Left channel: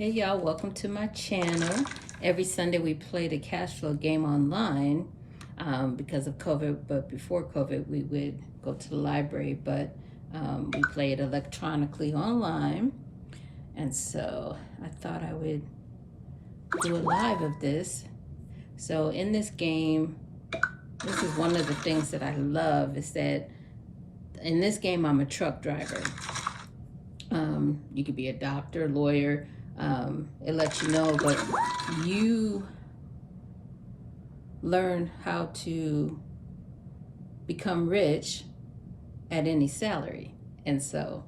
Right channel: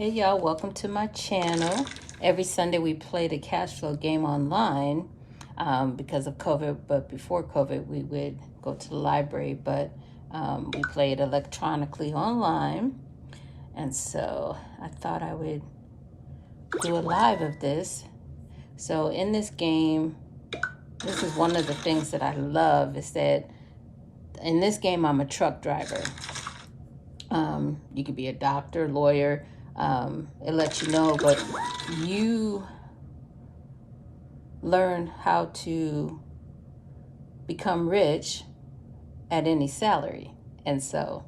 Hey y'all, welcome to my channel. Every Sunday we play the Cashflow game online because of COVID, but before COVID we would go to the library, but we played electronically online. And so I thought I would do a live of this. So in this game, this is one of the things that I love is that in this game I'm a truck driver. You could be a doctor, lawyer, it lets you know, but you learn how to become rich at any salary. And so,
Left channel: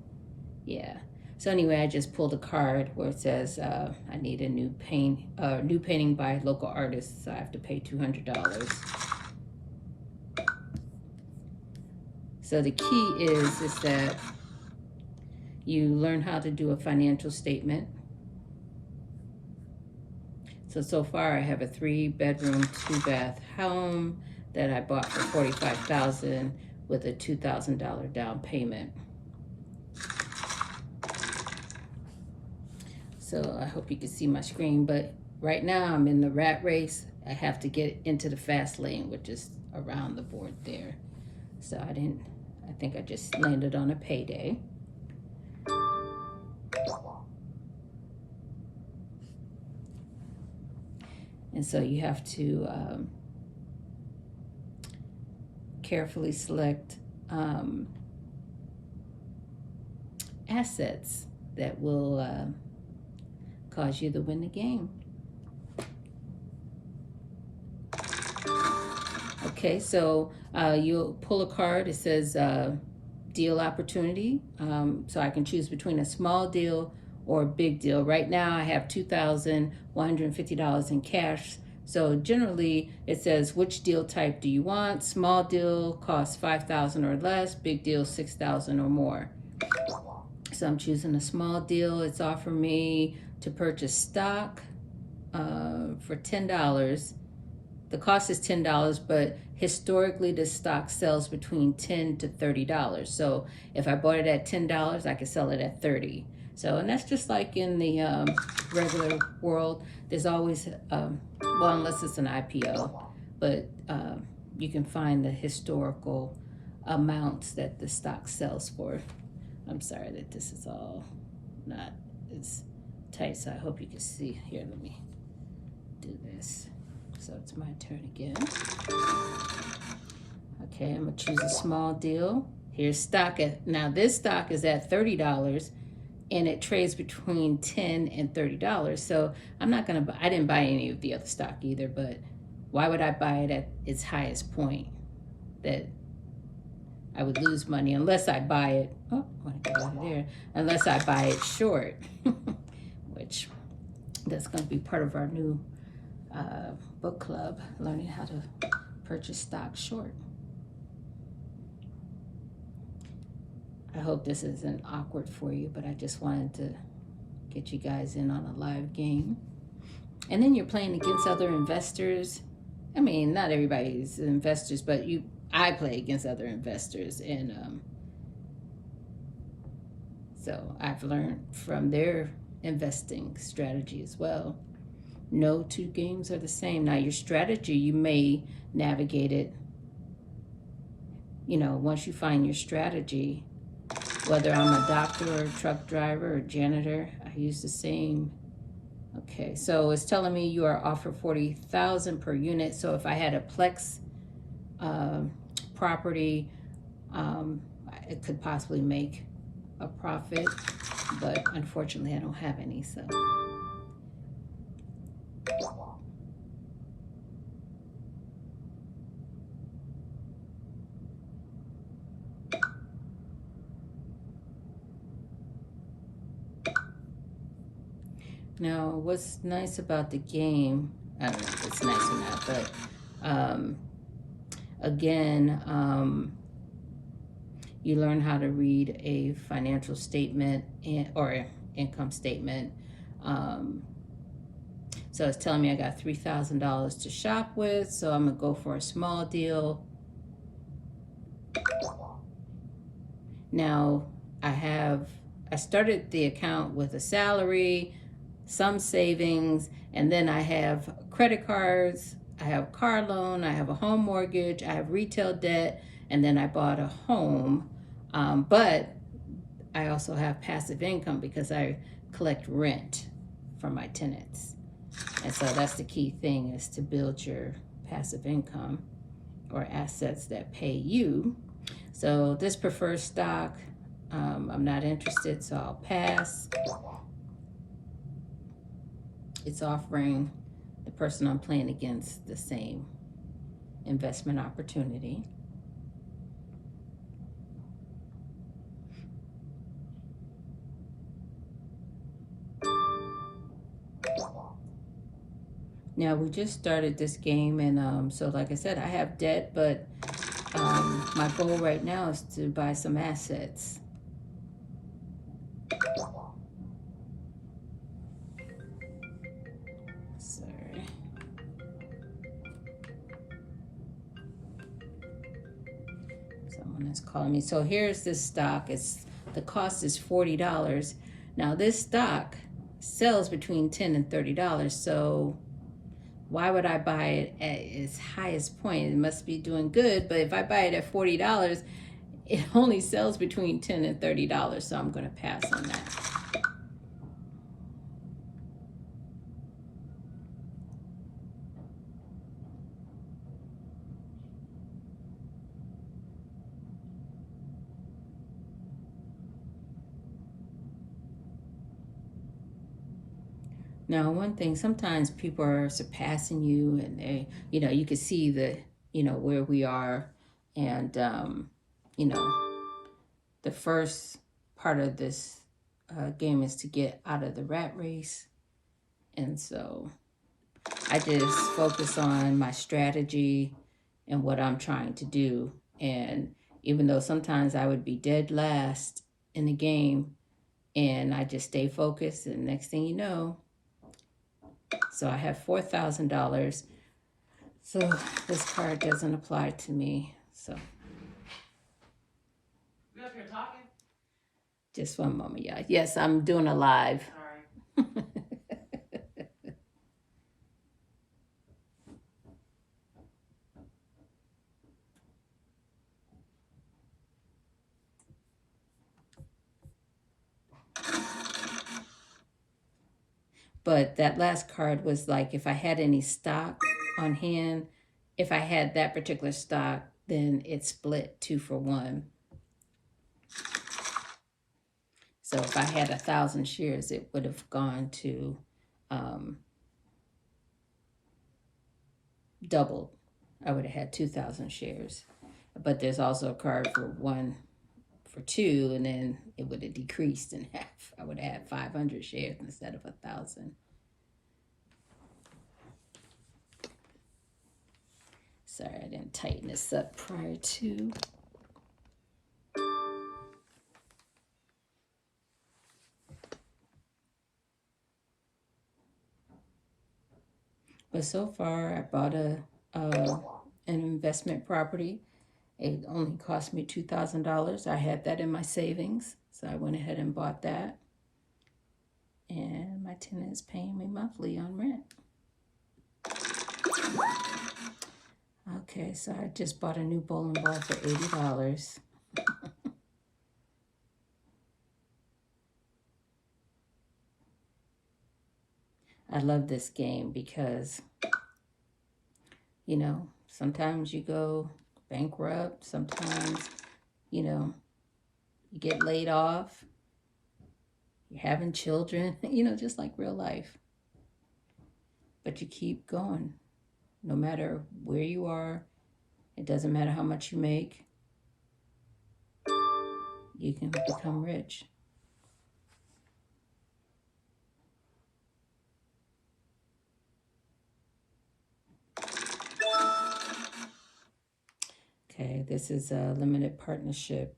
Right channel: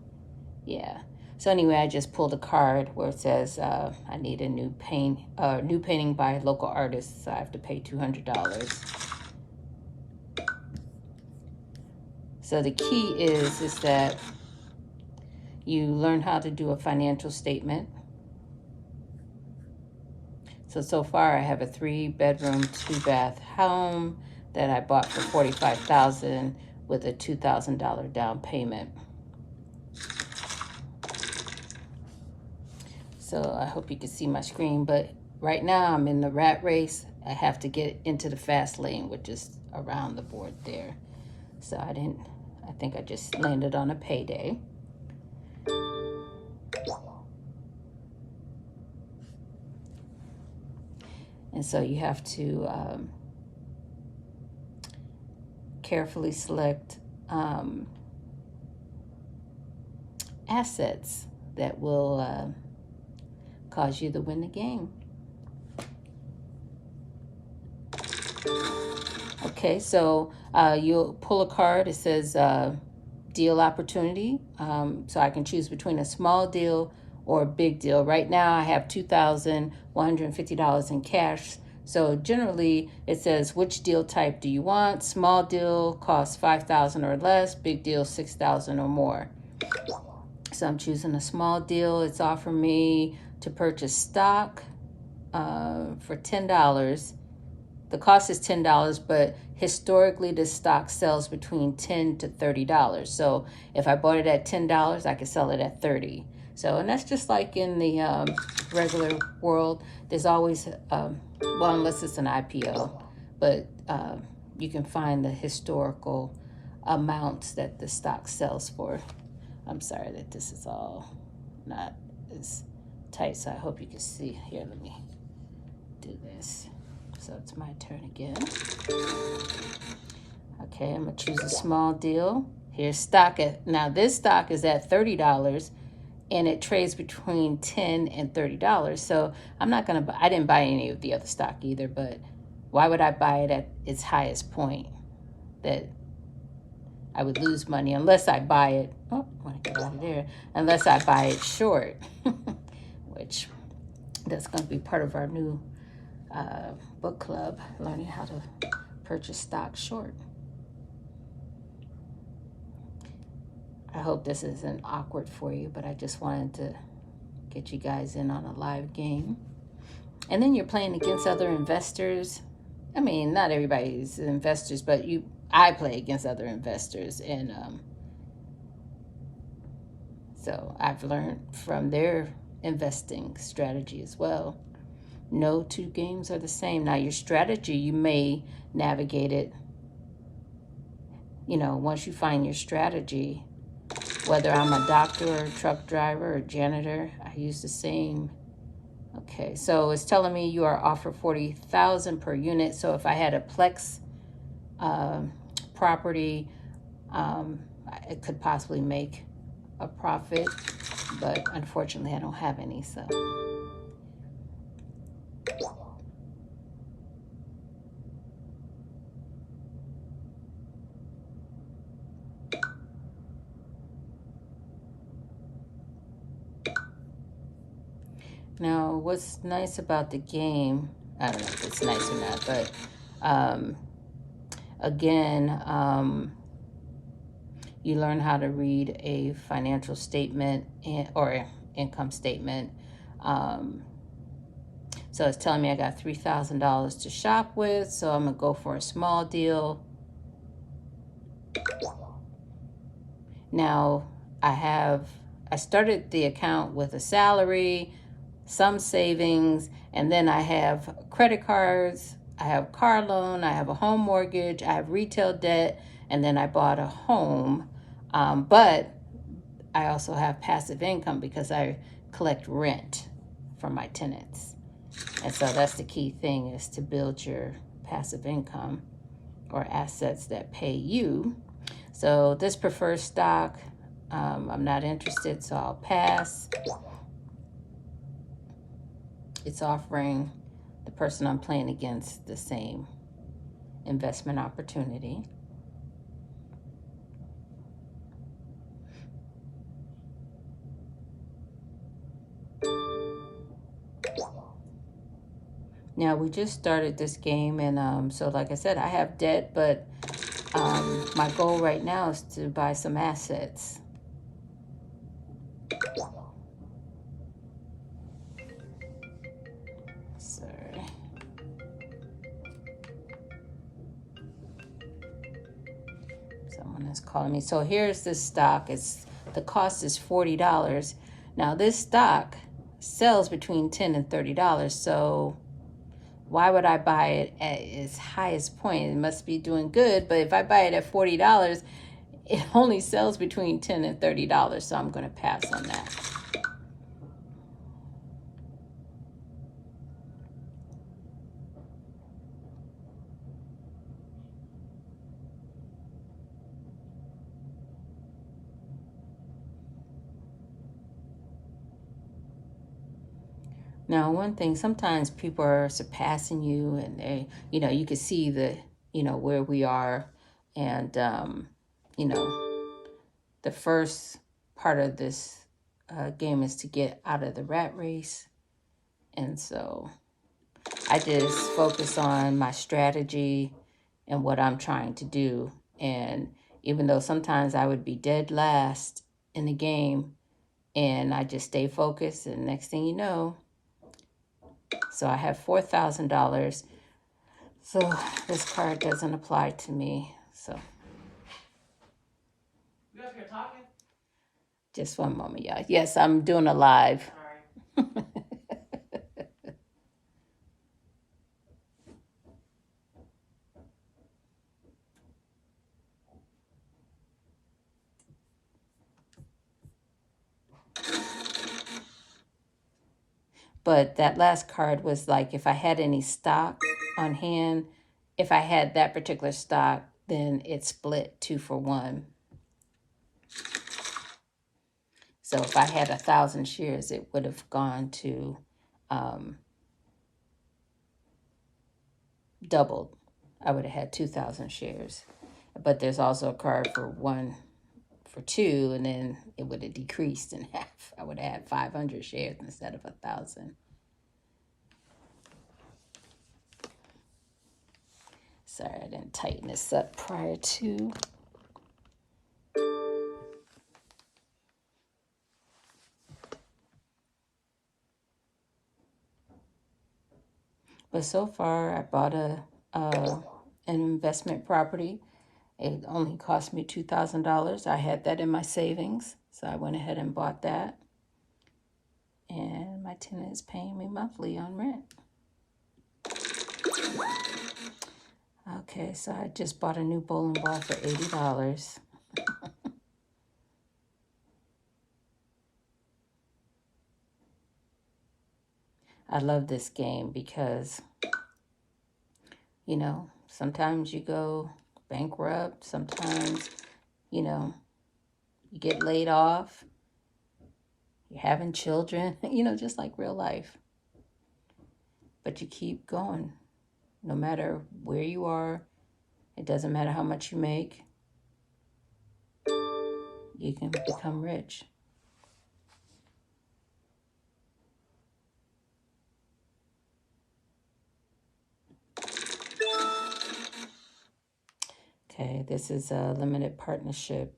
yeah. So anyway, I just pulled a card where it says I need a new painting by local artists. So I have to pay $200. So the key is that you learn how to do a financial statement. So far I have a 3-bedroom, 2-bath home that I bought for $45,000 with a $2,000 down payment. So I hope you can see my screen, but right now I'm in the rat race. I have to get into the fast lane, which is around the board there. So I think I just landed on a payday. And so you have to carefully select assets that will cause you to win the game. Okay, so you'll pull a card. It says deal opportunity. So I can choose between a small deal or a big deal. Right now I have $2,150 in cash. So generally it says which deal type do you want? Small deal costs $5,000 or less, big deal $6,000 or more. So I'm choosing a small deal. It's offering me to purchase stock for $10. The cost is $10, but historically the stock sells between $10 to $30. So if I bought it at $10, I could sell it at $30. So, and that's just like in the regular world. There's always, well, unless it's an IPO, but you can find the historical amounts that the stock sells for. I'm sorry that this is all not as tight, so I hope you can see. Here, let me do this. So it's my turn again. Okay, I'm gonna choose a small deal. Here's stock now this stock is at $30 and it trades between $10 and $30. So I'm not gonna buy, I didn't buy any of the other stock either, but why would I buy it at its highest point that I would lose money unless I buy it, oh, I wanna get out of there, unless I buy it short, which that's gonna be part of our new book club, learning how to purchase stock short. I hope this isn't awkward for you, but I just wanted to get you guys in on a live game. And then you're playing against other investors. I mean, not everybody's investors, but I play against other investors, and so I've learned from their investing strategy as well. No two games are the same. Now your strategy, you may navigate it, you know, once you find your strategy, whether I'm a doctor or a truck driver or janitor, I use the same. Okay, so it's telling me you are offered $40,000 per unit. So if I had a Plex property, it could possibly make a profit, but unfortunately I don't have any, so. Now, what's nice about the game, I don't know if it's nice or not, but again, you learn how to read a financial statement or income statement. So it's telling me I got $3,000 to shop with, so I'm gonna go for a small deal. Now, I started the account with a salary, some savings, and then I have credit cards, I have car loan, I have a home mortgage, I have retail debt, and then I bought a home. But I also have passive income because I collect rent from my tenants. And so that's the key thing, is to build your passive income or assets that pay you. So this preferred stock, I'm not interested, so I'll pass. It's offering the person I'm playing against the same investment opportunity. Now, we just started this game, and so like I said, I have debt, but my goal right now is to buy some assets. Sorry. Someone is calling me. So here's this stock. The cost is $40. Now this stock sells between $10 and $30. So why would I buy it at its highest point? It must be doing good. But if I buy it at $40, it only sells between $10 and $30. So I'm going to pass on that. Now, one thing, sometimes people are surpassing you, and they, you can see where we are. And, the first part of this game is to get out of the rat race. And so I just focus on my strategy and what I'm trying to do. And even though sometimes I would be dead last in the game, and I just stay focused, and next thing you know, so I have $4,000. So this card doesn't apply to me. So You up here talking? Just one moment, yeah. Yes, I'm doing a live. Sorry. But that last card was like, if I had any stock on hand, if I had that particular stock, then it split 2 for 1. So if I had 1,000 shares, it would have gone to doubled. I would have had 2,000 shares. But there's also a card for 1 for 2, and then it would have decreased in half. I would have had 500 shares instead of 1,000. Sorry, I didn't tighten this up prior to. But so far, I bought an investment property. It only cost me $2,000. I had that in my savings, so I went ahead and bought that. And my tenant is paying me monthly on rent. Okay, so I just bought a new bowling ball for $80. I love this game because, sometimes you go bankrupt, sometimes, you get laid off, you're having children, just like real life. But you keep going. No matter where you are, it doesn't matter how much you make, you can become rich. Okay, this is a limited partnership,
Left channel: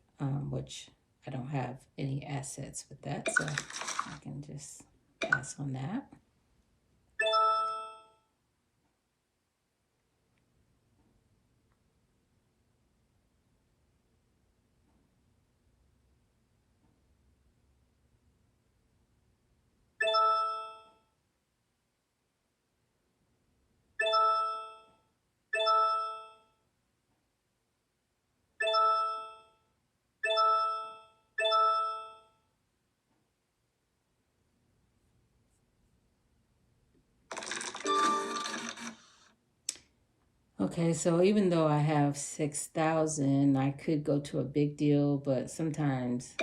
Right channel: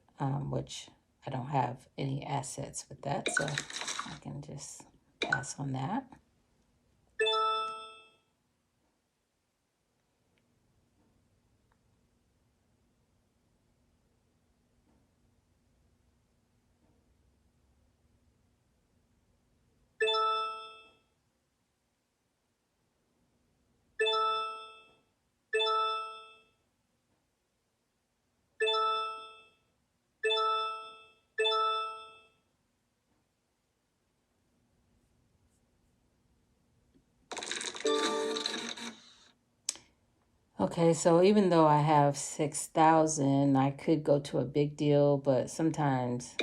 which I don't have any assets with that, so I can just pass on that. Okay, so even though I have 6,000, I could go to a big deal, but sometimes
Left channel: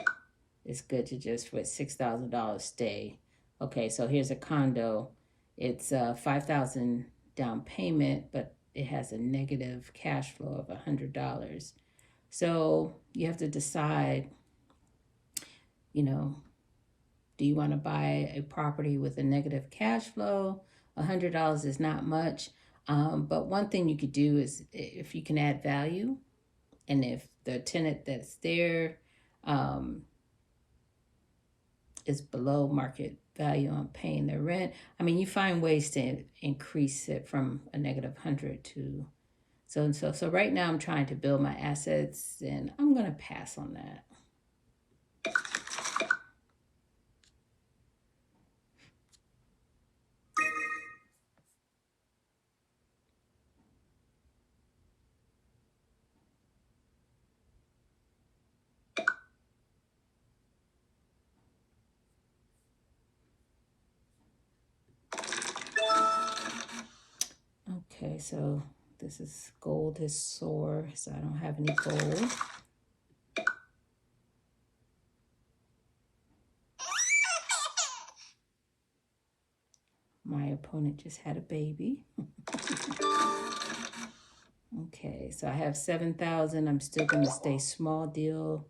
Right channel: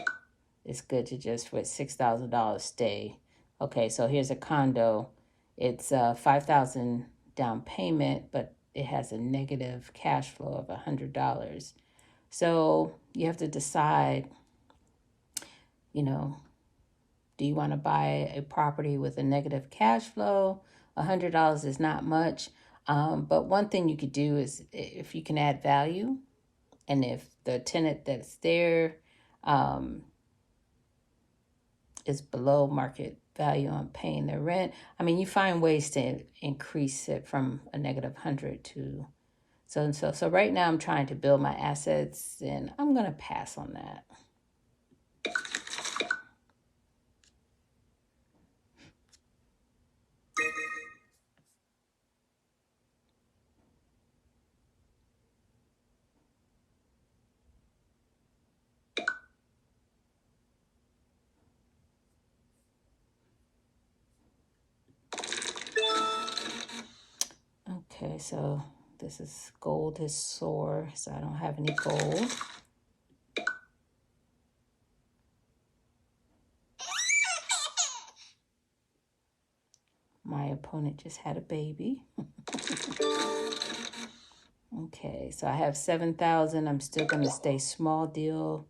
it's good to just with $6,000 stay. Okay, so here's a condo. It's 5,000 down payment, but it has a negative cash flow of $100. So you have to decide, you know, do you want to buy a property with a negative cash flow? $100 is not much. But one thing you could do is if you can add value, and if the tenant that's there is below market value on paying their rent, I mean, you find ways to increase it from a negative 100 to so right now I'm trying to build my assets, and I'm gonna pass on that. Okay, so this is gold is sore, so I don't have any gold. My opponent just had a baby. Okay, so I have 7,000. I'm still going to stay small deal.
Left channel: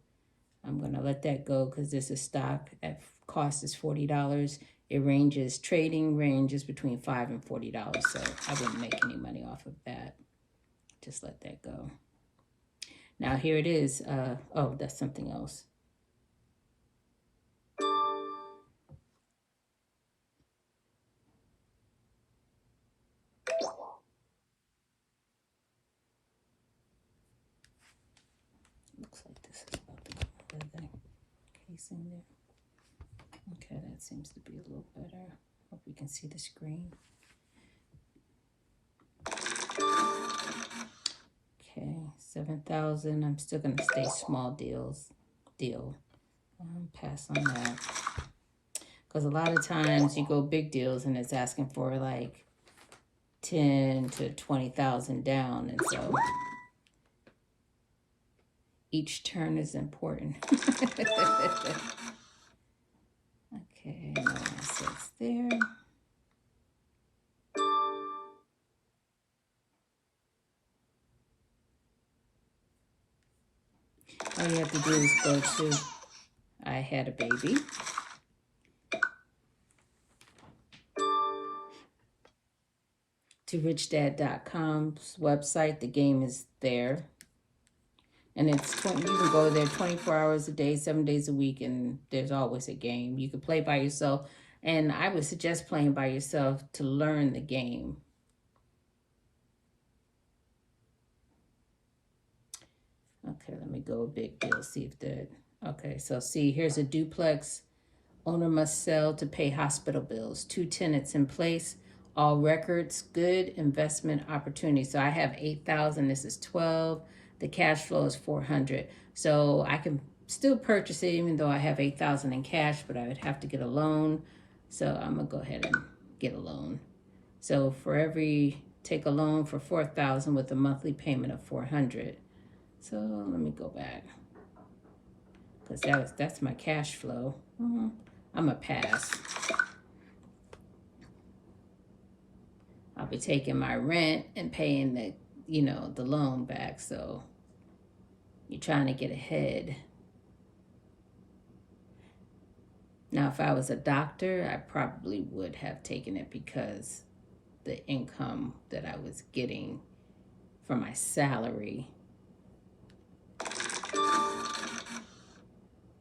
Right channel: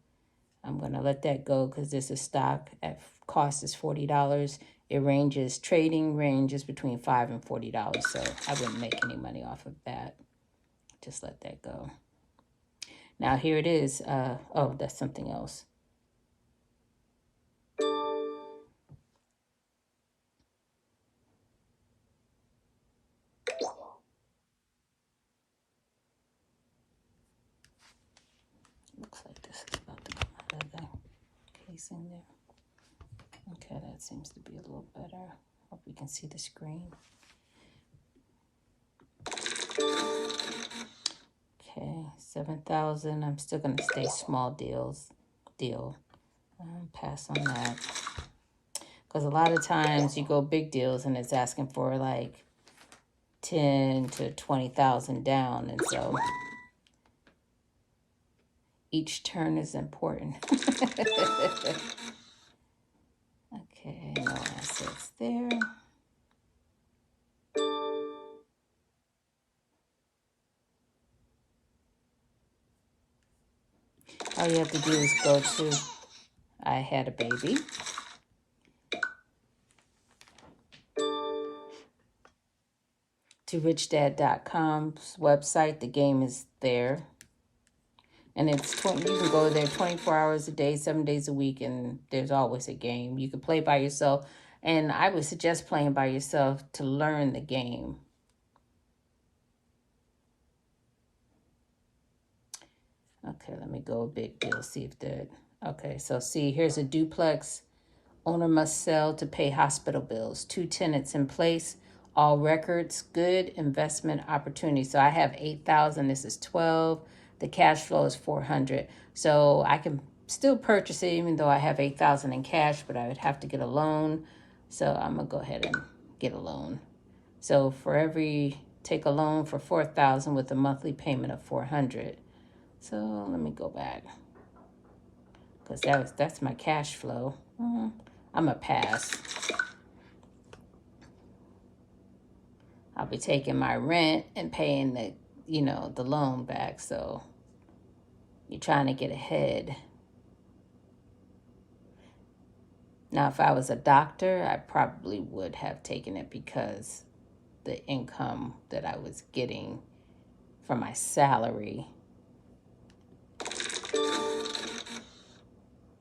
I'm going to let that go because this is stock. At cost is $40. It ranges, trading ranges between $5 and $40. So I wouldn't make any money off of that. Just let that go. Now here it is. Oh, that's something else. Looks like this is about to come out of the case in there. Okay, that seems to be a little better. Hope you can see the screen. Okay, 7,000. I'm still gonna stay small deal. Pass on that. Because a lot of times you go big deals and it's asking for like 10 to 20,000 down, and so each turn is important. Okay, no assets there. All you have to do is go to I had a baby. To richdad.com's website. The game is there. And it's 20, you can go there 24 hours a day, 7 days a week, and there's always a game. You can play by yourself, and I would suggest playing by yourself to learn the game. Okay, let me go a big deal, see if that, okay, so see, here's a duplex. Owner must sell to pay hospital bills. 2 tenants in place. All records good. Investment opportunity. So I have 8,000. This is 12. The cash flow is 400. So I can still purchase it even though I have 8,000 in cash, but I would have to get a loan. So I'm gonna go ahead and get a loan. So for take a loan for 4,000 with a monthly payment of 400. So let me go back because that's my cash flow. I'm a pass. I'll be taking my rent and paying the loan back. So you're trying to get ahead. Now, if I was a doctor, I probably would have taken it because the income that I was getting from my salary,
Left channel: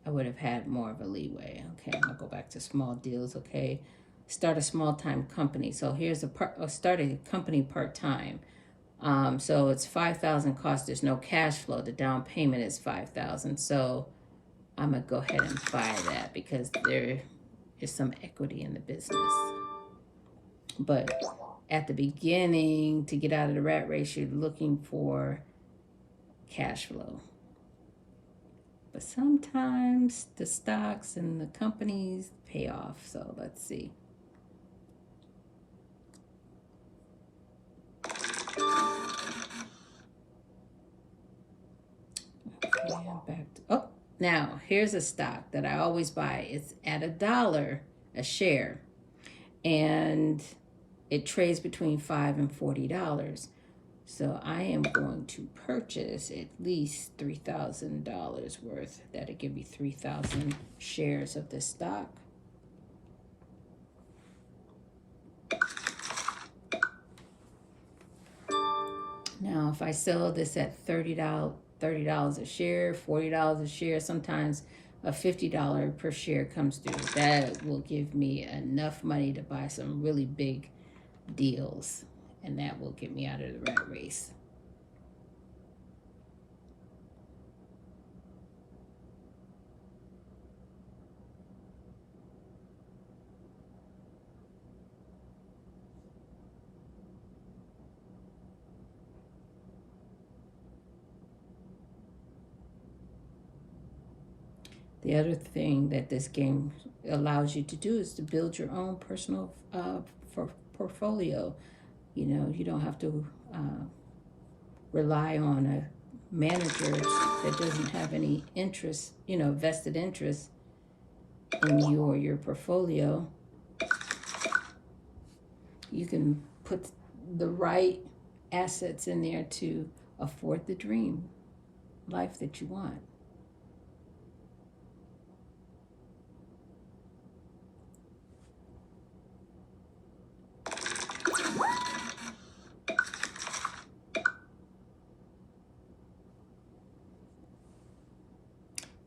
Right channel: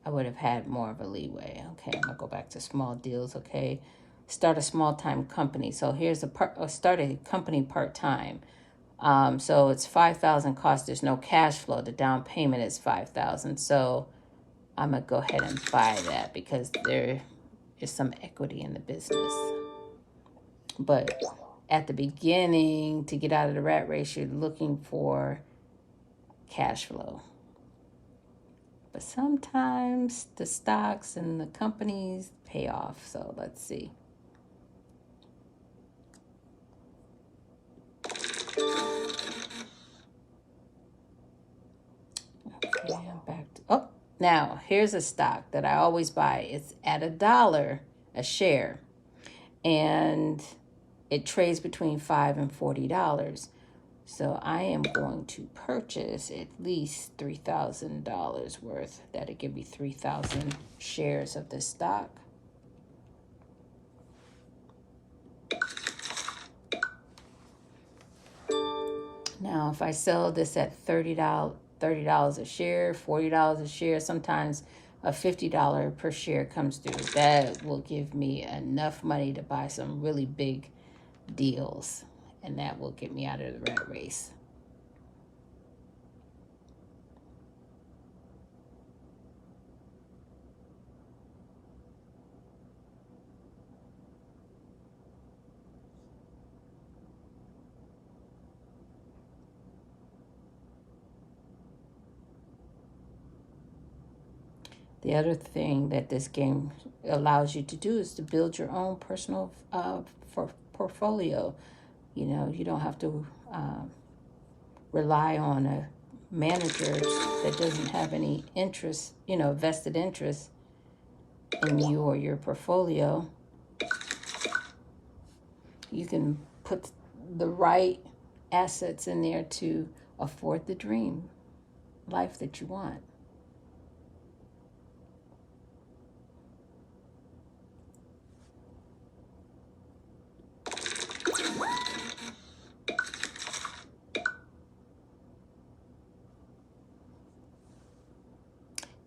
I would have had more of a leeway. Okay, I'm gonna go back to small deals. Okay, start a small-time company. So here's start a company part-time. So it's 5,000 cost. There's no cash flow. The down payment is 5,000. So I'm gonna go ahead and buy that because there is some equity in the business. But at the beginning, to get out of the rat race, you're looking for cash flow. But sometimes the stocks and the companies pay off. So let's see. Now, here's a stock that I always buy. It's at $1 a share, and it trades between $5 and $40. So I am going to purchase at least $3,000 worth. That'll give me 3,000 shares of this stock. Now, if I sell this at $30 a share, $40 a share, sometimes a $50 per share comes through. That will give me enough money to buy some really big deals, and that will get me out of the rat race. The other thing that this game allows you to do is to build your own personal portfolio. You know, you don't have to rely on a manager that doesn't have any interest, you know, vested interest in you or your portfolio. You can put the right assets in there to afford the dream life that you want.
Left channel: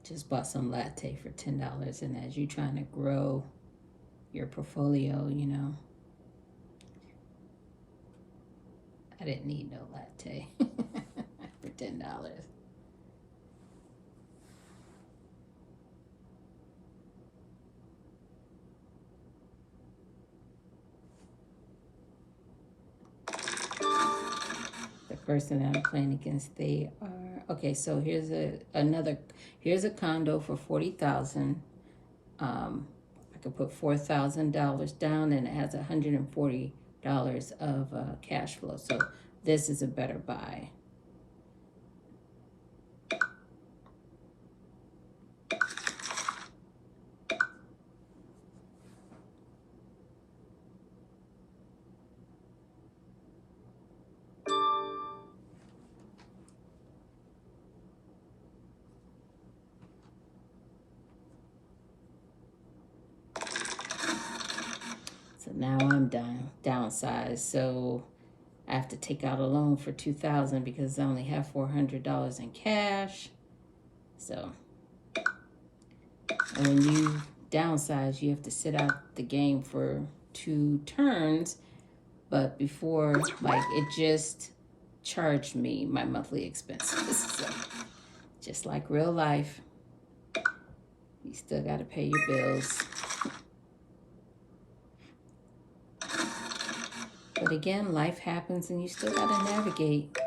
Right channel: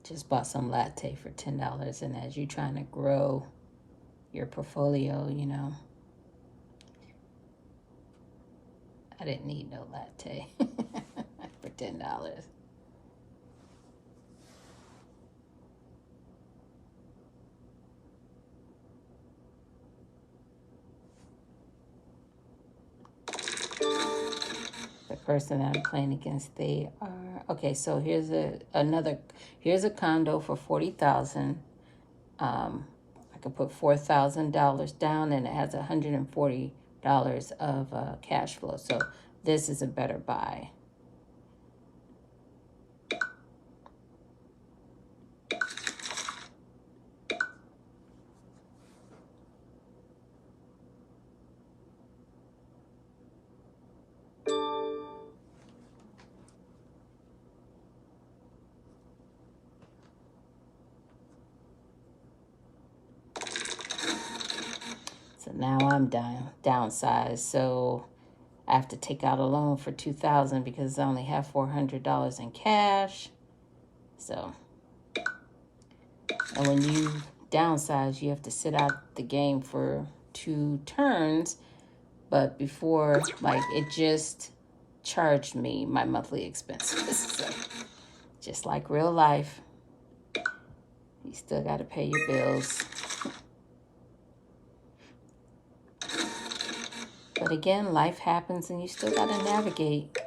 Just bought some latte for $10, and as you're trying to grow your portfolio, you know, I didn't need no latte for $10. The person that I'm playing against, they are okay. So here's here's a condo for $40,000. I could put $4,000 down, and it has $140 of cash flow. So this is a better buy. So now I'm downsized. So I have to take out a loan for $2,000 because I only have $400 in cash. So, and when you downsize, you have to sit out the game for 2 turns. But before, like, it just charged me my monthly expenses. So, just like real life, you still got to pay your bills. But again, life happens and you still got to navigate.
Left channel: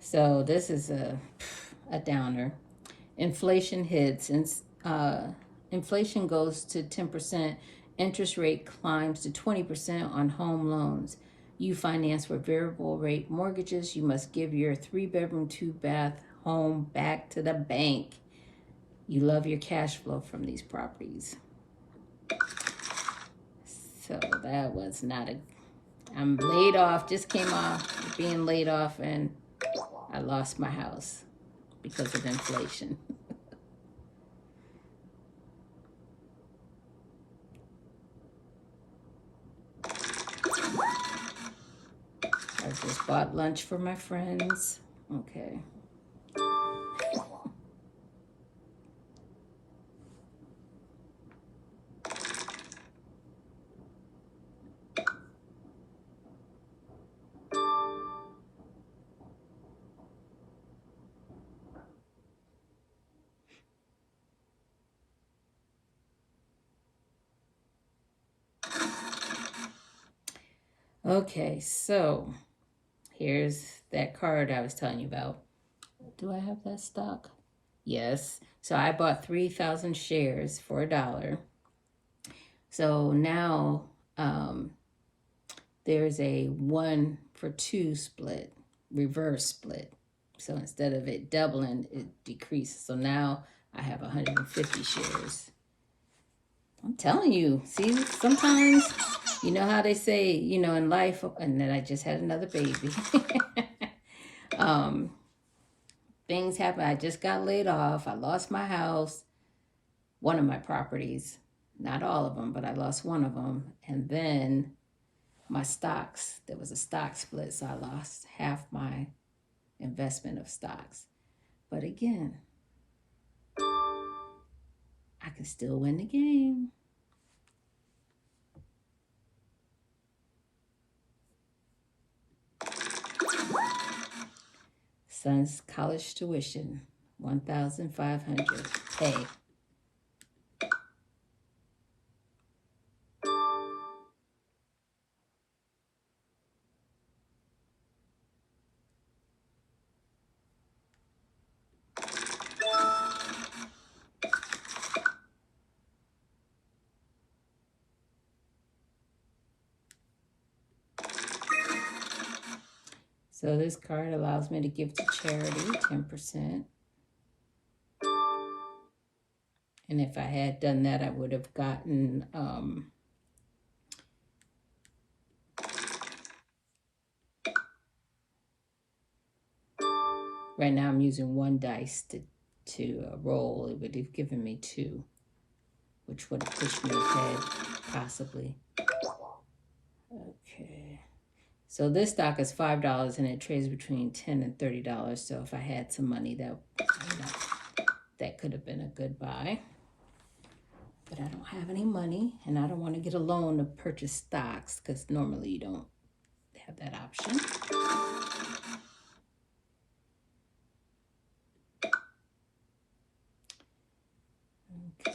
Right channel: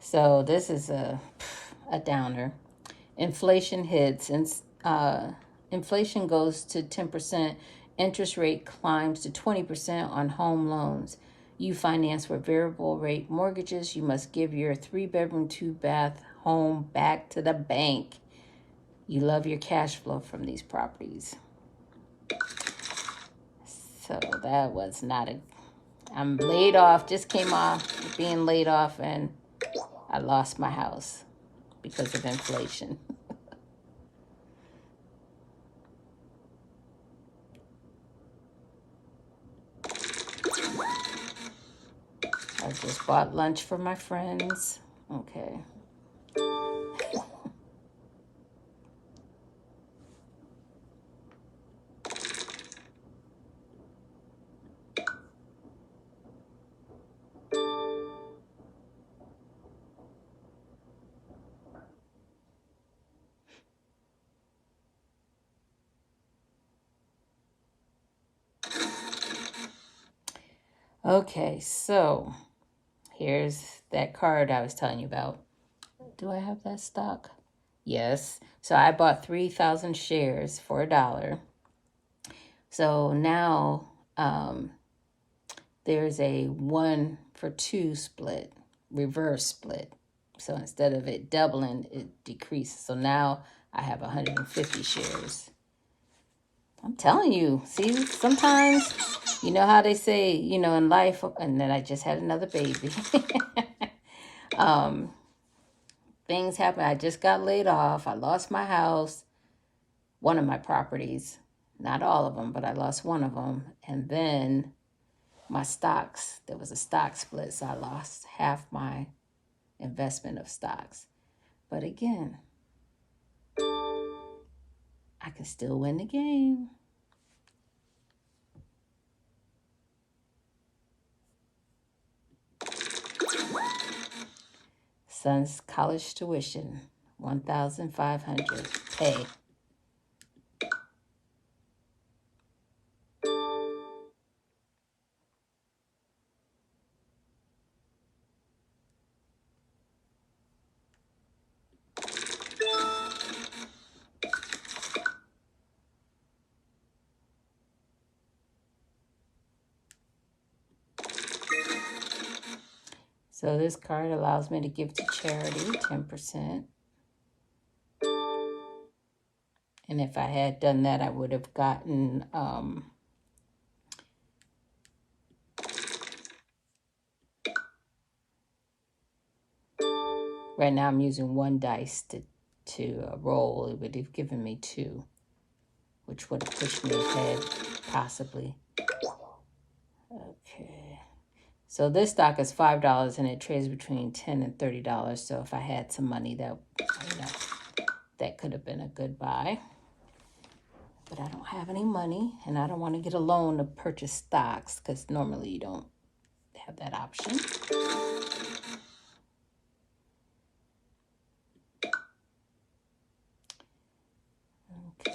So this is a downer. Inflation hits, and inflation goes to 10%. Interest rate climbs to 20% on home loans. You finance with variable rate mortgages. You must give your 3-bedroom, 2-bath home back to the bank. You love your cash flow from these properties. So that was not a... I'm laid off, just came off being laid off, and I lost my house because of inflation. I just bought lunch for my friends. Okay. Okay, so here's that card I was telling you about. Do I have that stock? Yes. So I bought 3,000 shares for $1. So now there's a 1-for-2 split, reverse split. So instead of it doubling, it decreases. So now I have 150 shares. I'm telling you, see, sometimes, you know how they say, you know, in life, and then I just had another baby. Things happen. I just got laid off. I lost my house, one of my properties, not all of them, but I lost one of them. And then my stocks, there was a stock split, so I lost half my investment of stocks. But again, I can still win the game. Son's college tuition, $1,500 pay. So this card allows me to give to charity 10%. And if I had done that, I would have gotten right now I'm using one dice to roll. It would have given me 2, which would have pushed me ahead, possibly. Okay. So this stock is $5 and it trades between $10 and $30. So if I had some money, that, you know, that could have been a good buy. But I don't have any money, and I don't want to get a loan to purchase stocks because normally you don't have that option. Okay.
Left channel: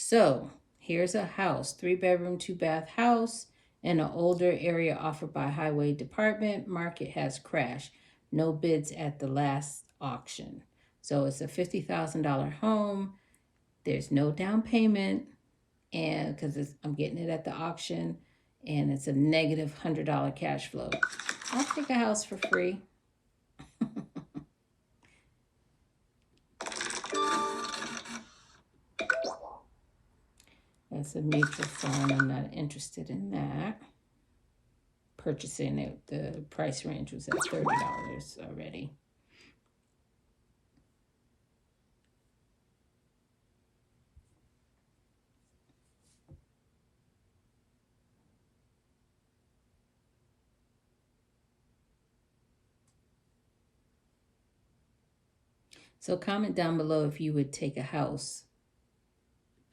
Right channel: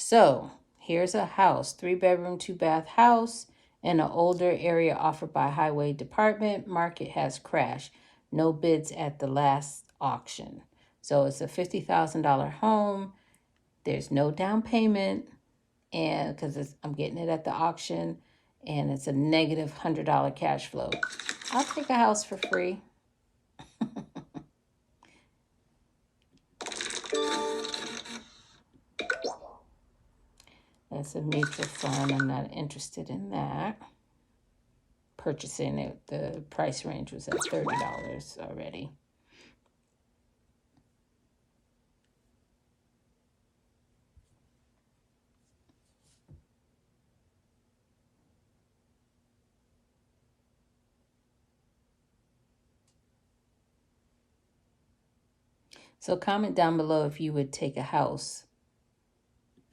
So here's a house, 3-bedroom, 2-bath house in an older area offered by Highway Department. Market has crashed. No bids at the last auction. So it's a $50,000 home. There's no down payment, and because I'm getting it at the auction, and it's a negative $100 cash flow. I'll take a house for free. That's a mutual fund. I'm not interested in that. Purchasing it, the price range was at $30 already. So comment down below if you would take a house,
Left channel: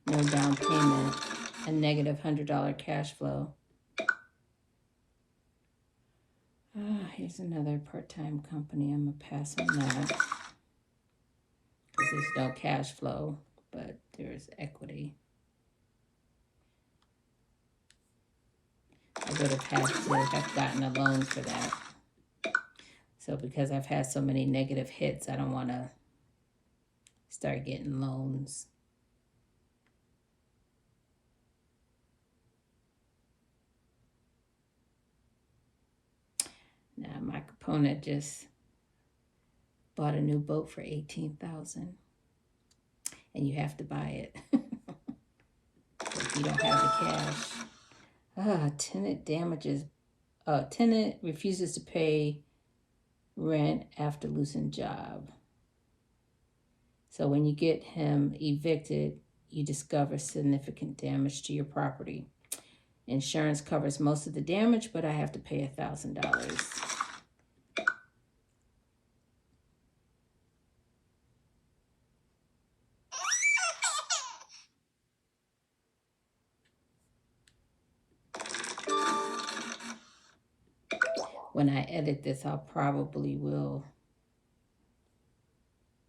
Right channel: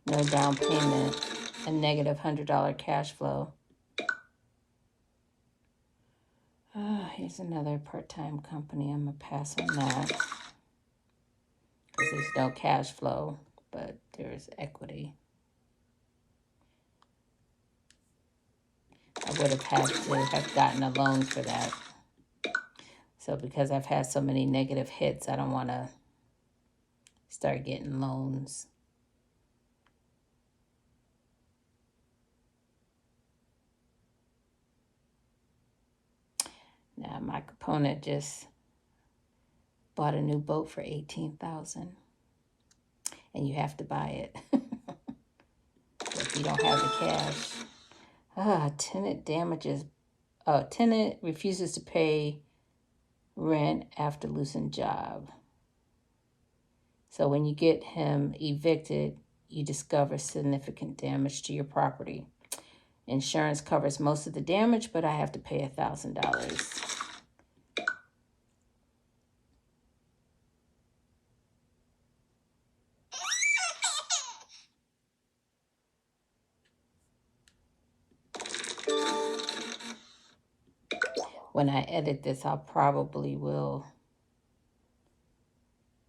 no down payment, a negative $100 cash flow. Here's another part-time company. I'm going to pass on that because there's no cash flow, but there's equity. I would have had to have gotten a loan for that. So because I've had so many negative hits, I don't want to start getting loans. Now my opponent just bought a new boat for $18,000, and you have to buy it if you don't have the cash. Tenant damages. Tenant refuses to pay rent after losing job. So when you get him evicted, you discover significant damage to your property. Insurance covers most of the damage, but I have to pay $1,000. When I edit this, I'll probably will.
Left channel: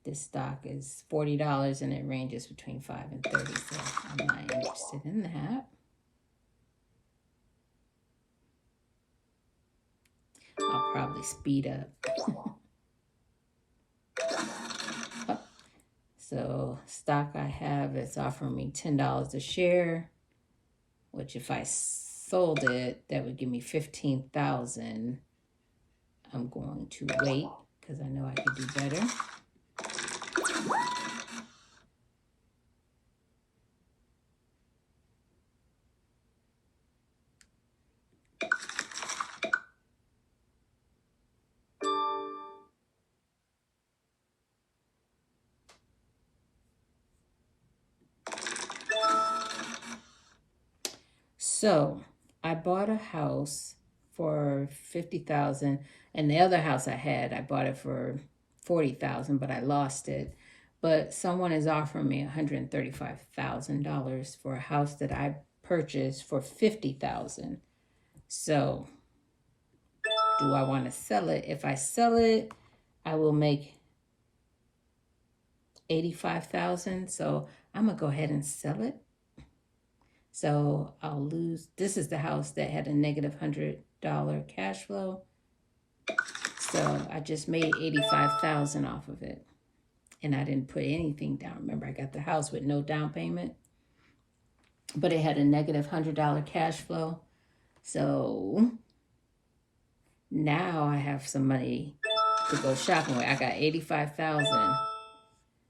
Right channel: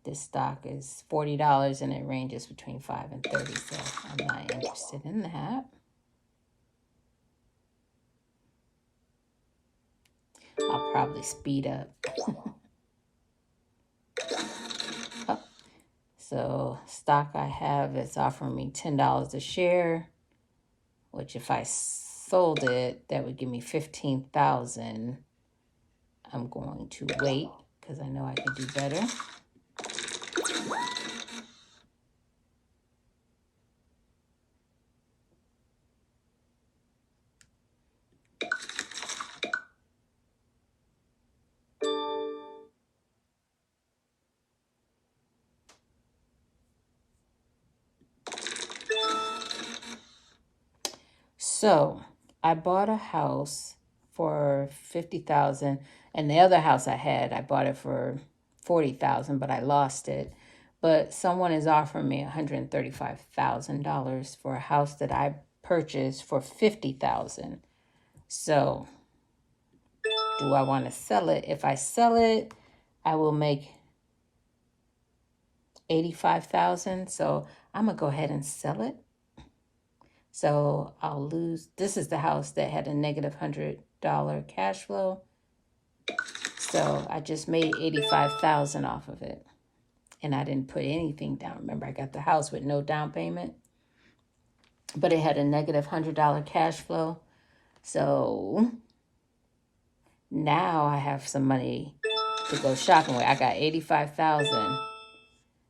This stock is $40 and it ranges between $5 and $30, so I'm not interested in that. probably speed up. Oh, so stock I have is offering me $10 a share, which if I sold it, that would give me 15,000. I'm going to wait because I know I can do better. So I bought a house for 50,000, and the other house I had, I bought it for 40,000, but I lost it. But someone is offering me $135,000 for a house that I purchased for 50,000. So do I want to sell it? If I sell it, I will make 85,000. So I'm gonna go ahead and sell it. So I'll lose. This is the house that had a negative $100 cash flow. So I just made 85,000 off of it. And I didn't put anything down. Remember, I got the house with no down payment. But it had a negative $100 cash flow. So now I have some money to go shopping with. I got 85,000.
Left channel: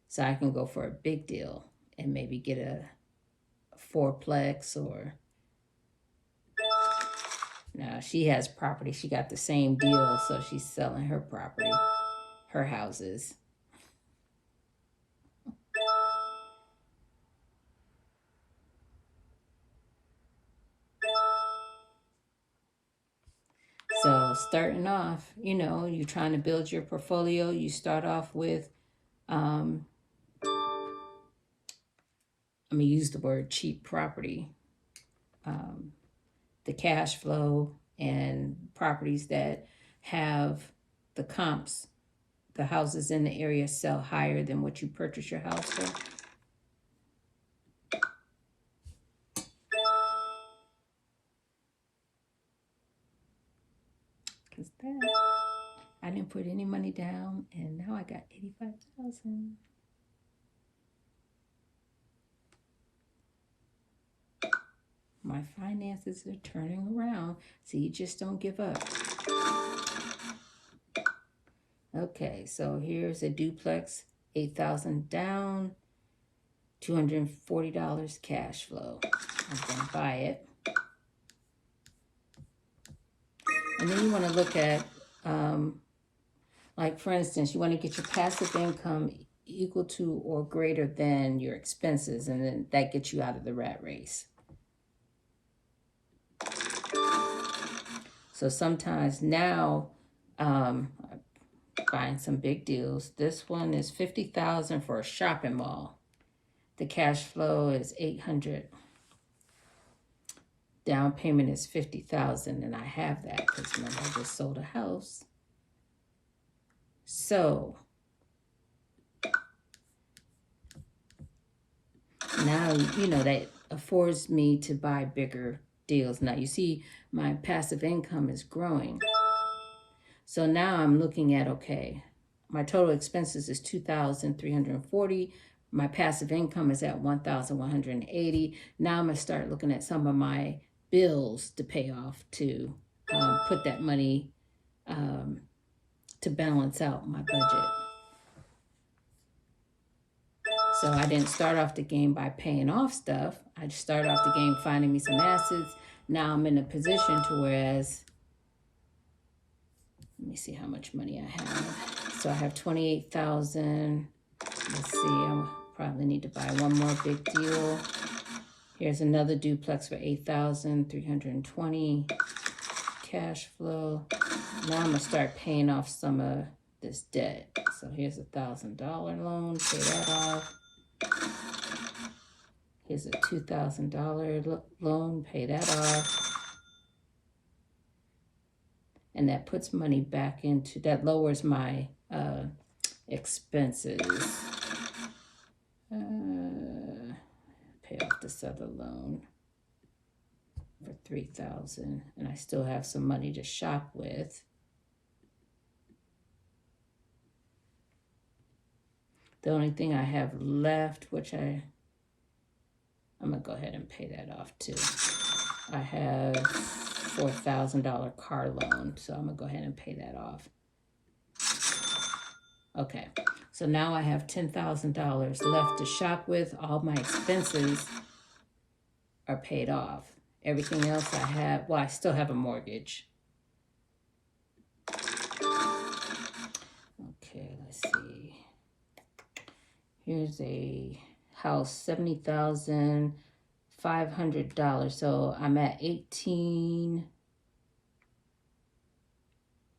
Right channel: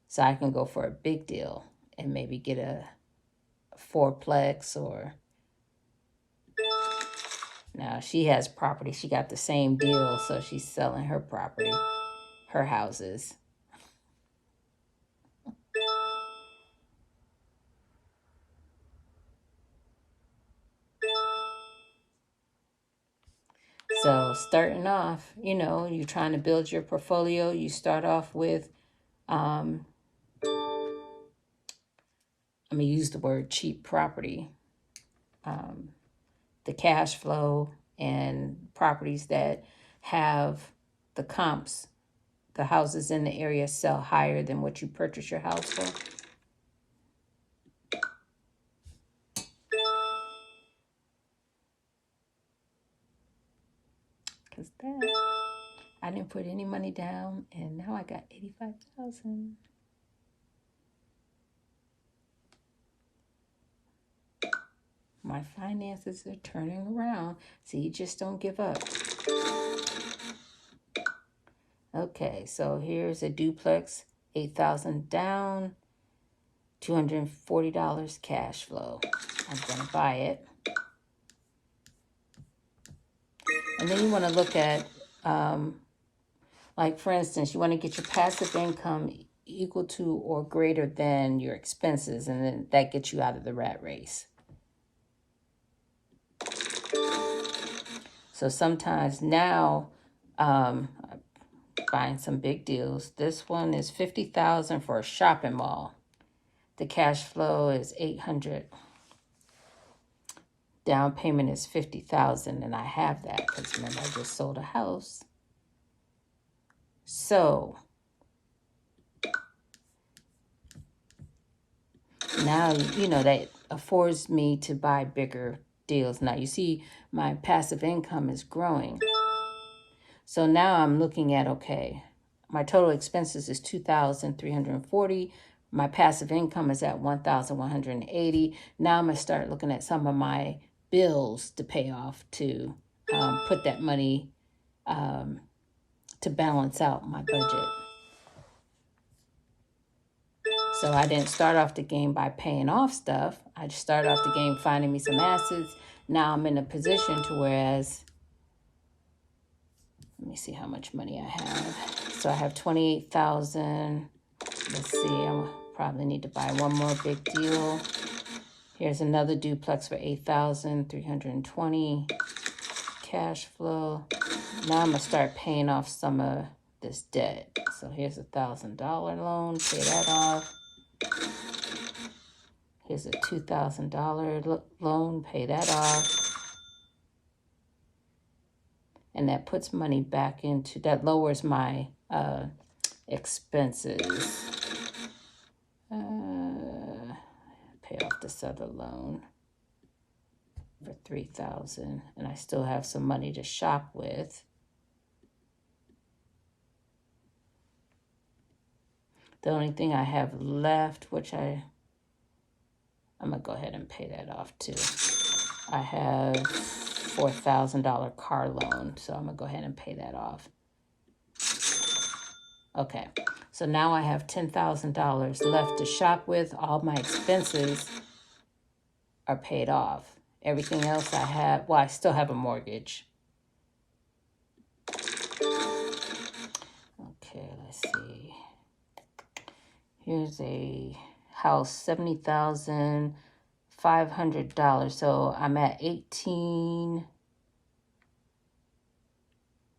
So I can go for a big deal and maybe get a fourplex or... Now, she has property. She got the same deal, so she's selling her property, her houses. So starting off, you know, you're trying to build your portfolio. You start off with, I'm going to use the word cheap property. The cash flow and properties that have the comps, the houses in the area sell higher than what you purchase your house for. Because that, I didn't put any money down, and now I got 85,000. My finances are turning around. See, you just don't give up. Okay, so here's a duplex, 8,000 down, $240 cash flow. I'm gonna buy it. And then you wanna look at, like for instance, you wanna get your passive income equal to or greater than your expenses, and then that gets you out of the rat race. So sometimes now, buying some big deals. This one is 50,000 for a shopping mall. The cash flow is 800. Down payment is 50,000, and I have that because remember I just sold a house. So now you know that affords me to buy bigger deals. Now you see my passive income is growing. So now I'm looking at, okay, my total expenses is 2,340. My passive income is at 1,180. Now I'm gonna start looking at some of my bills to pay off to put that money to balance out my budget. So I didn't start off the game by paying off stuff. I just started off the game finding me some assets. Now I'm in a position to whereas, let me see how much money I have. So I have 28,000. Let's see, I probably need to buy one more big deal. Here's another duplex for 8,320 cash flow. Now I'm gonna start paying off some of this debt. So here's $1,000 loan, pay that off. Here's a $2,000 loan, pay that off. And that puts money back into, that lowers my expenses. Pay off this other loan for $3,000, and I still have some money to shop with. The only thing I have left, which I'm gonna go ahead and pay that off too. I have $4,000 car loan, so I'm gonna go ahead and pay that off. Okay, so now I have $10,000 left to shop with. All my expenses are paid off. Everything else I have, well, I still have a mortgage. Okay, let's see. Here's a house, $70,500. So I'm at 18.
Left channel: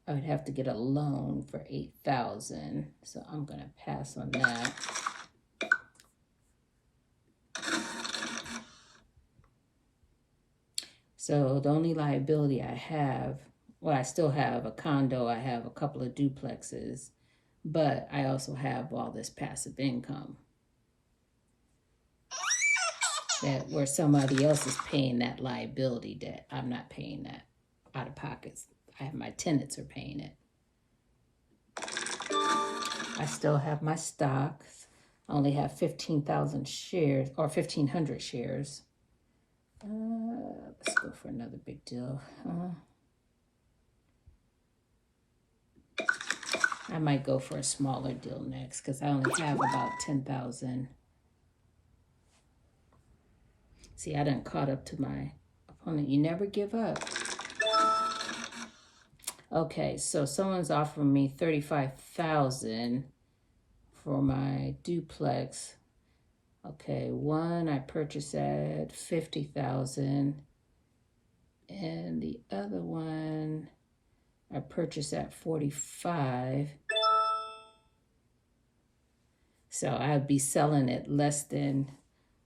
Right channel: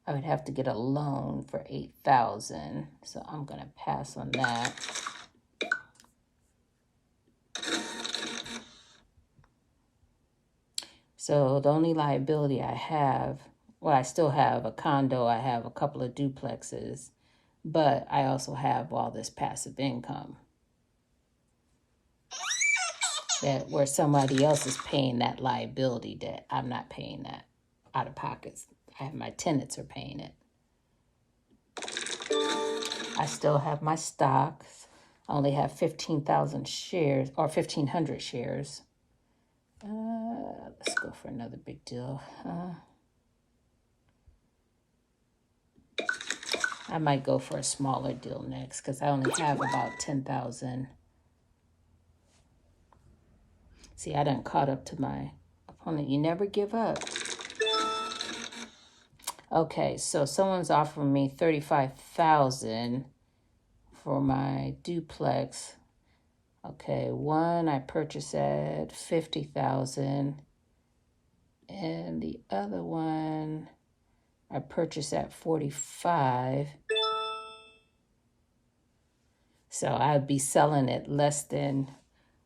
I would have to get a loan for 8,000. So I'm gonna pass on that. So the only liability I have, well, I still have a condo, I have a couple of duplexes, but I also have all this passive income that where somebody else is paying that liability debt. I'm not paying that out of pockets. I have my tenants are paying it. I still have my stocks. I only have 15,000 shares or 1,500 shares. Let's go for another big deal. I might go for a smaller deal next because I only have about 10,000. See, I done caught up to my opponent. You never give up. Okay, so someone's offering me 35,000 for my duplex. Okay, one I purchased at 50,000, and the other one I purchased at 45. So I'd be selling it less than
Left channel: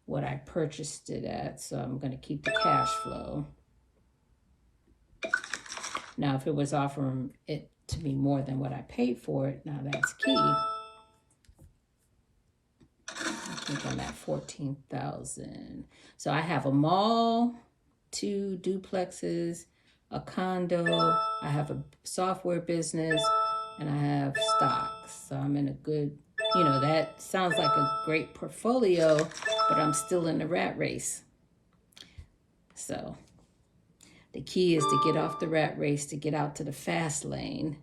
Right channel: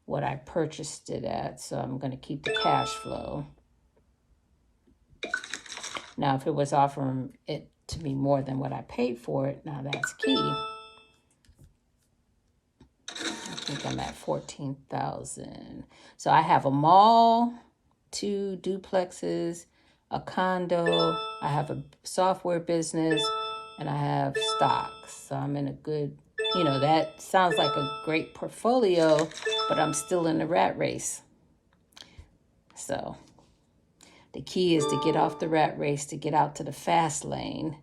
what I purchased it at. So I'm going to keep the cash flow. Now, if it was offering it to me more than what I paid for it, now that's key. I think I'm at 14,000. So I have a mall, 2 duplexes, a condo, I have a software business, and I have stocks. So I'm in a good, you know, that sounds like a great portfolio, but I'm still in the rat race. So the key is to get off the rat race, to get out to the fast lane.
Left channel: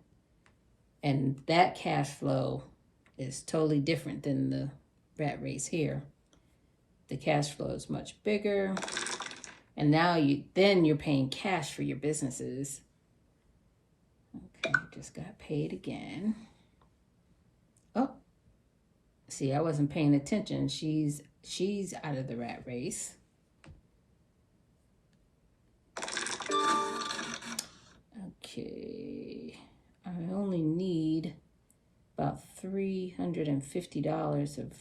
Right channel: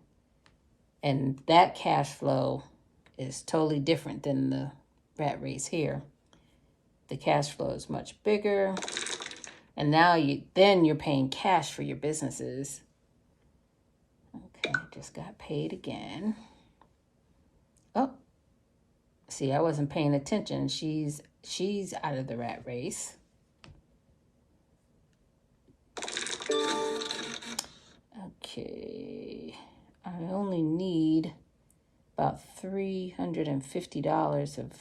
And that cash flow is totally different than the rat race here. The cash flow is much bigger. And now you're paying cash for your businesses. Okay, just got paid again. Oh, see, I wasn't paying attention. She's out of the rat race. Okay, I only need about $350 of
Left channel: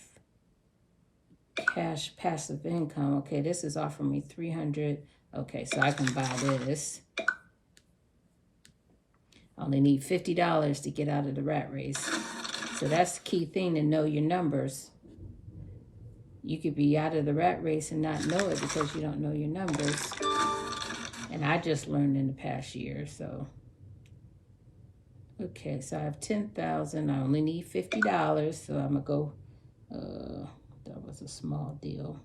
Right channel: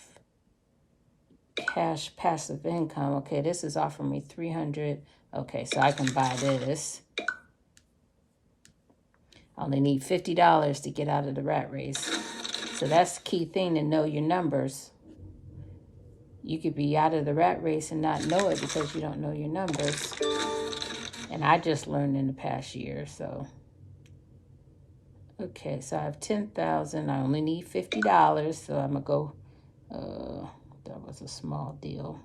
cash passive income. Okay, this is offering me 300. Okay, so I can buy this. I only need $50 to get out of the rat race. So that's the key thing, to know your numbers. You could be out of the rat race and not know it because you don't know your numbers. And I just learned in the past year, so. Okay, so I have 10,000. I only need $50, so I'm gonna go, that was a small deal.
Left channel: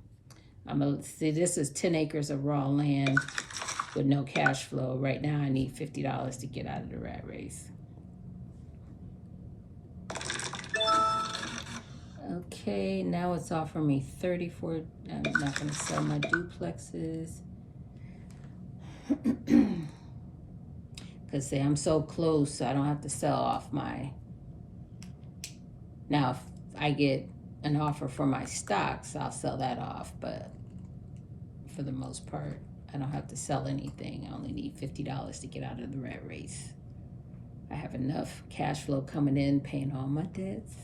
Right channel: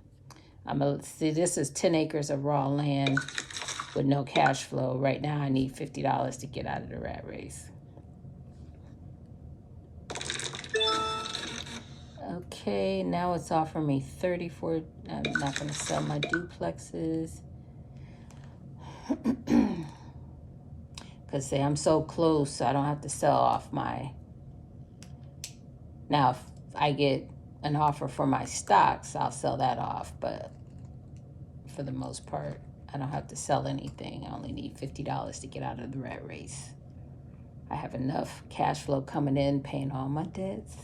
I'm gonna see, this is 10 acres of raw land with no cash flow. Right now I need $50 to get out of the rat race. Okay, now it's offering me 34. I'm not gonna sell my duplexes. Because say I'm so close, so I don't have to sell off my. Now, if I get an offer for my stocks, I'll sell that off. But for the most part, I don't have to sell anything. I only need $50 to get out of the rat race. I have enough cash flow coming in, paying all my debts.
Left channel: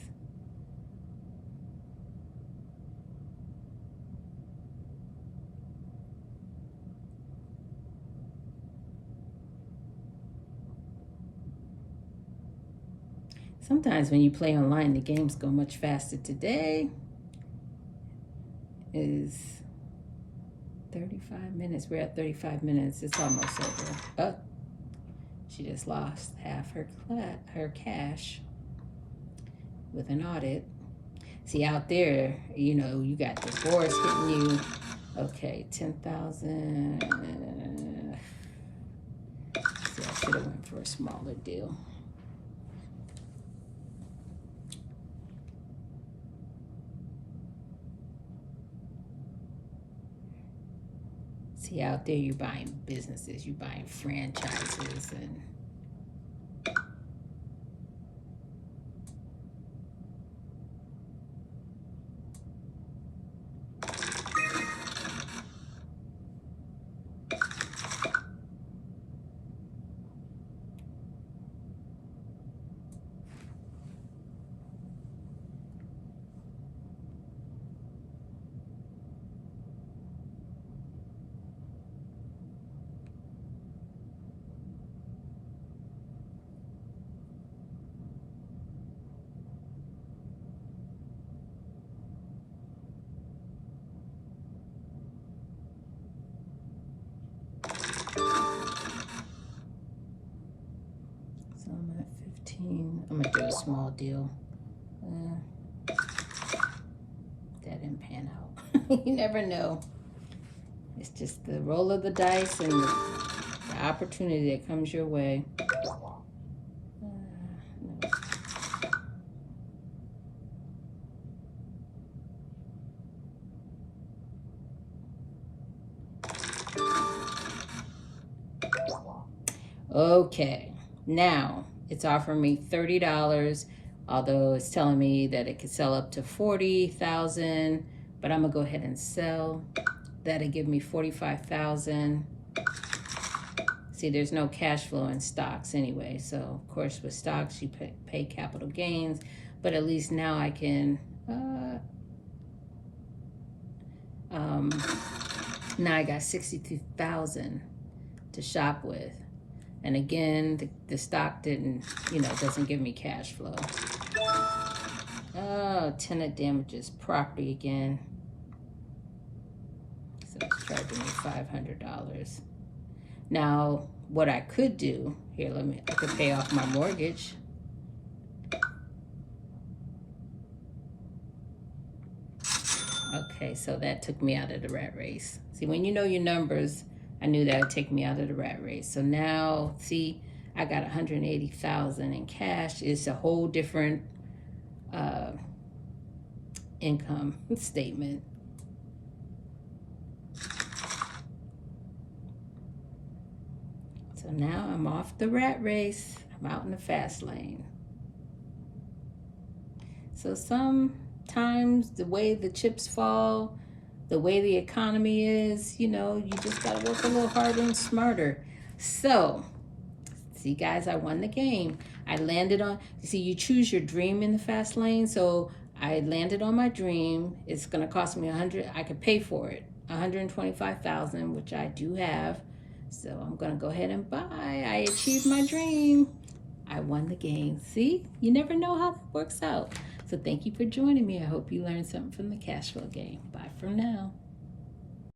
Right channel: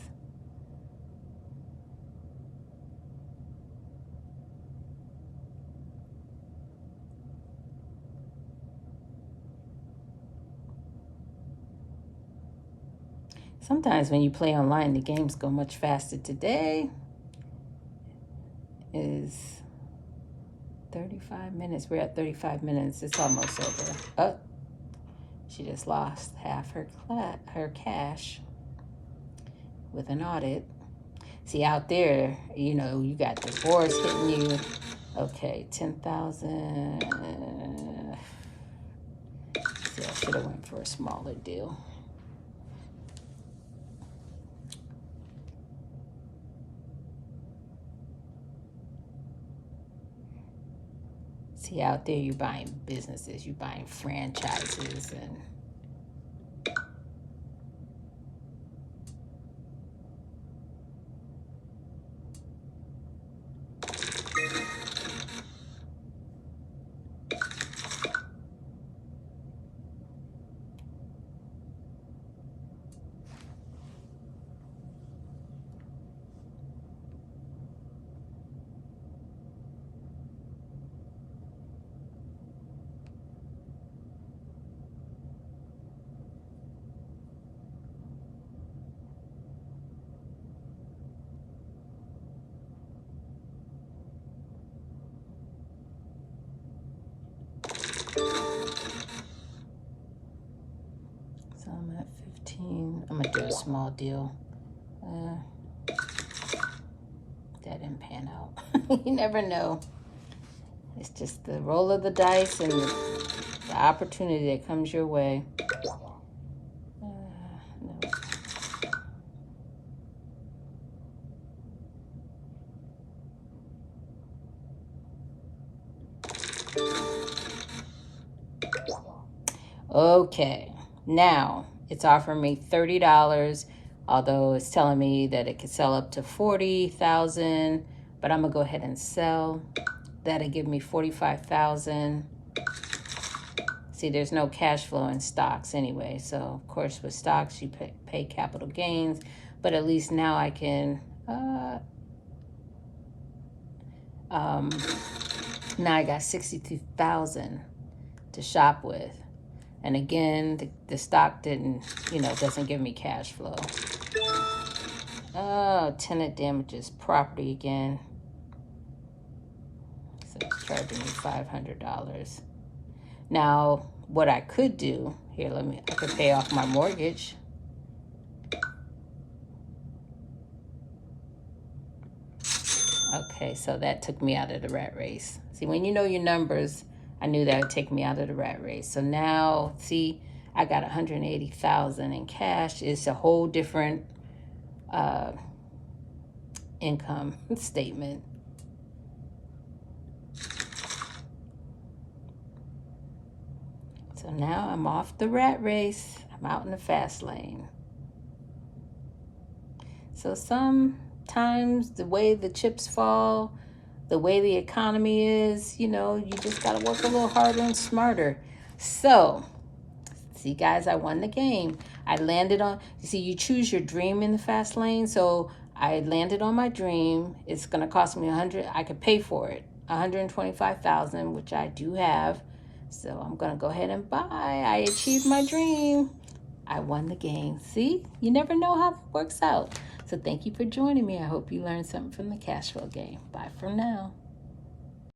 Sometimes when you play online, the games go much faster. Today is 35 minutes. We're at 35 minutes. It's almost over. Oh, she just lost half her cash with an audit. See, out there, you know, you got divorce hitting you. Okay, 10,000. See, I should have went for a smaller deal. See, out there, you're buying businesses, you're buying franchises, and so I'm at 15. I'm gonna do a small deal. That didn't pan out. You never know. It's just the roll of the dice and the opportunity that comes your way. No. Okay, now it's offering me $30, although it's telling me that it could sell up to 40,000, but I'm gonna go ahead and sell. That'll give me 45,000. See, there's no cash flow in stocks anyway, so of course with stocks you pay capital gains, but at least now I can now I got 62,000 to shop with. And again, the stock didn't, you know, doesn't give me cash flow. Oh, tenant damages property again. So it's charging me $500. Now, what I could do, here, I could pay off my mortgage. Okay, so that took me out of the rat race. See, when you know your numbers, I knew that would take me out of the rat race. So now, see, I got 180,000 in cash. It's a whole different income statement. So now I'm off the rat race. I'm out in the fast lane. So sometimes the way the chips fall, the way the economy is, you know, you just gotta work a little harder and smarter. So, see guys, I won the game. I landed on, you see, you choose your dream in the fast lane. So I landed on my dream. It's gonna cost me 100, I could pay for it, 125,000, which I do have. So I'm gonna go ahead and buy. I achieved my dream. I won the game. See, you never know how it works out. So thank you for joining me. I hope you learned something from the cash flow game. Bye for now.